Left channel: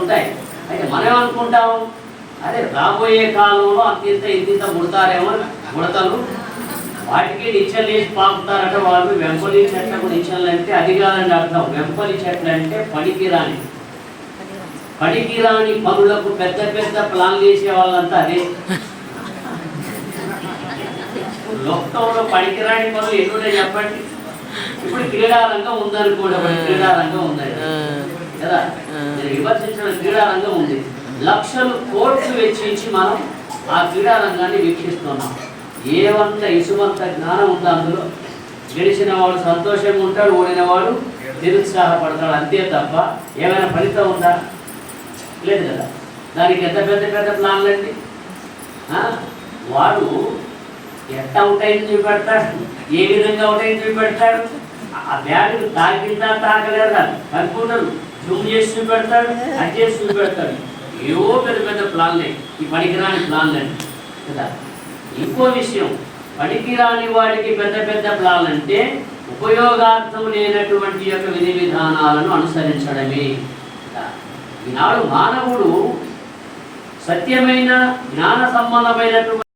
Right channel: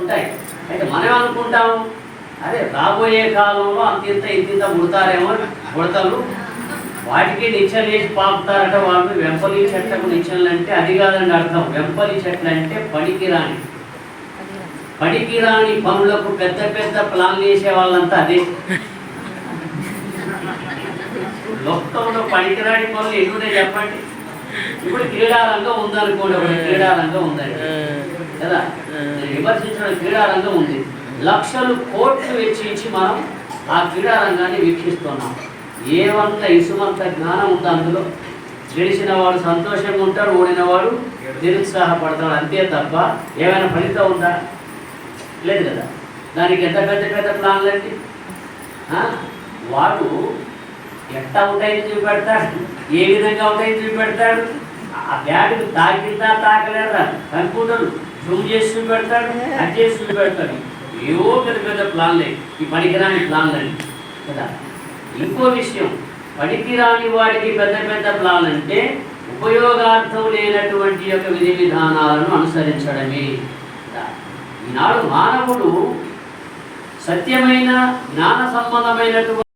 ఉంటాయి. అయితే మనం ఏమనుకుంటాము, అదే రాబోయే కాలంలో అంత ఇంత ముడతారేమో ముడతలు, వాటికి నిచ్చెలు వేసి పాపుతారట వాళ్ళు. వెంపలి చెట్లకు నిచ్చెలు అంటే అది కాదని అర్థం. వెంపలి చెట్లు అంటే పనికిరాని పనులకు పెద్ద పెద్ద ప్లాన్లు వేసే వాళ్ళంతా అదే. లోకంలో పనికిరాని పనులు ఎన్నున్నాయి చెప్పండి. ఇప్పుడు క్రీడారంగం ఉందనుకోండి, ఒకటి క్రీడారంగం ఉందండి కదా, నేను విమర్శించిన క్రీడారంగం ఉంది. లక్షలు కోట్లు వెచ్చించి మనం ఆ క్రీడారంగాన్ని వీక్షిస్తున్నాం. ఏమంత ఇసుమంత జ్ఞానం ఉంది అందులో. గెలిచిన వాడు సంతోషంగా ఉంటాడు, ఓడినవాడు నిరుత్సాహపడతాడు, అంతే తప్ప ఏమైనా ఫలితం ఉందా? లేదు కదా. దానికి ఎంత పెద్ద పెద్ద ప్లాన్లు అండి. వాడు ఎట్లా అవుట్ అయింది చూపెడతాడు, ఏ విధంగా అవుట్ అయింది చూపెడతాడు. ఆ బ్యాగ్ తాకిందా తాకలేదా కంప్యూటర్ జూమ్ చేసి చూపెడతాడు, అది చేసి చూపెడతాడు. ఏవో పెద్ద పెద్ద ప్లాన్లే, ఈ పనికిరాని ప్లాన్లని కదా. ఇంకో విషయం, పనికిరాని వాడికి పెద్ద పెద్ద ప్లాన్ అంటే ఉపయోగార్థం లేనటువంటి యొక్క విధి విధానాలను అనుసరించడమే. ఈనాడు మానవుడు సత్యమైన జ్ఞాన సంబంధమైనటువంటి